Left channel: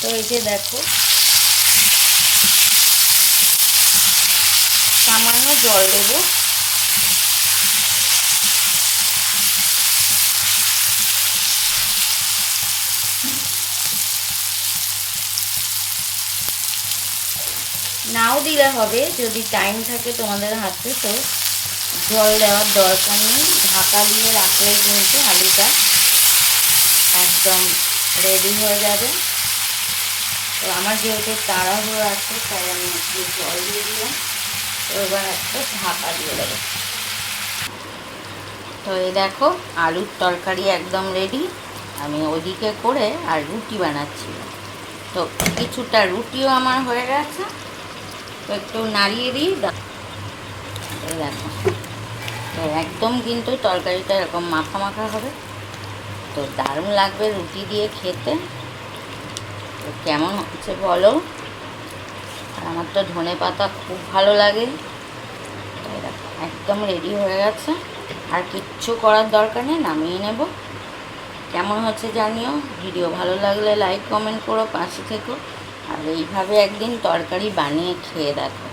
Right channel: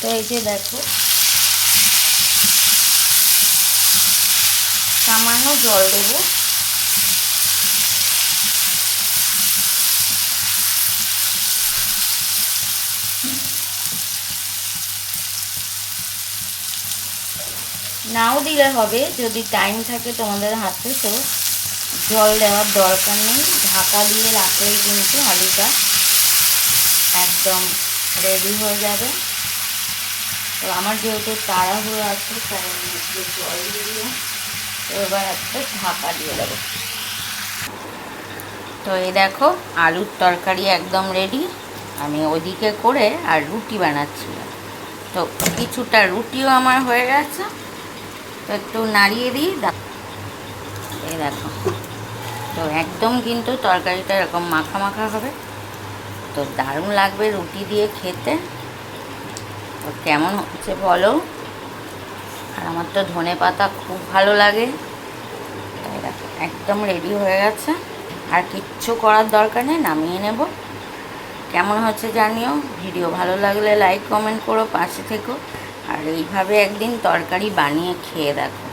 তো এই যে দেখো। সামান্য জল দেবো। নাও দিলে হবে, যদি টাইম থাকে তোমাদের হাতে, তো জল দেওয়ার দরকার নেই। ঢাকা দিয়ে রাখলেই কিন্তু আলুটা একদম রেডি হয়ে যাবে। তো আমার যেহেতু তাড়াহুড়ো আছে, তাই আমি একটু জল দিয়ে দিলাম। তো এবার একটা ঢাকা দিয়ে দেবো। তো এই দেখো, আলুর তরকারি একদম রেডি আমি ওদিকে করে আর রুটি বানাচ্ছি। তো কিছুটা রুটিও আমার হয়ে গেছে। তো একটু নাড়িয়ে দিই এই দেখো। তো একদম কিন্তু তরকারিটা এরকম মাখা মাখা হবে। তো দারুণ লাগবে রুটি দিয়ে খেতে। তো কেমন হচ্ছে বলো? আর আমার তো ধনে পাতা খুব ভালো লাগে। একদম রেডি হয়ে গেছে। আর কিচ্ছু করার দরকার নেই, নামিয়ে নেব। কেমন হচ্ছে জানিও? ভিডিও ভালো লাগলে লাইক কমেন্ট করো, পাশে থেকো। আর এইভাবে একদিন তরকারি বানিয়ে খেয়ে দেখো।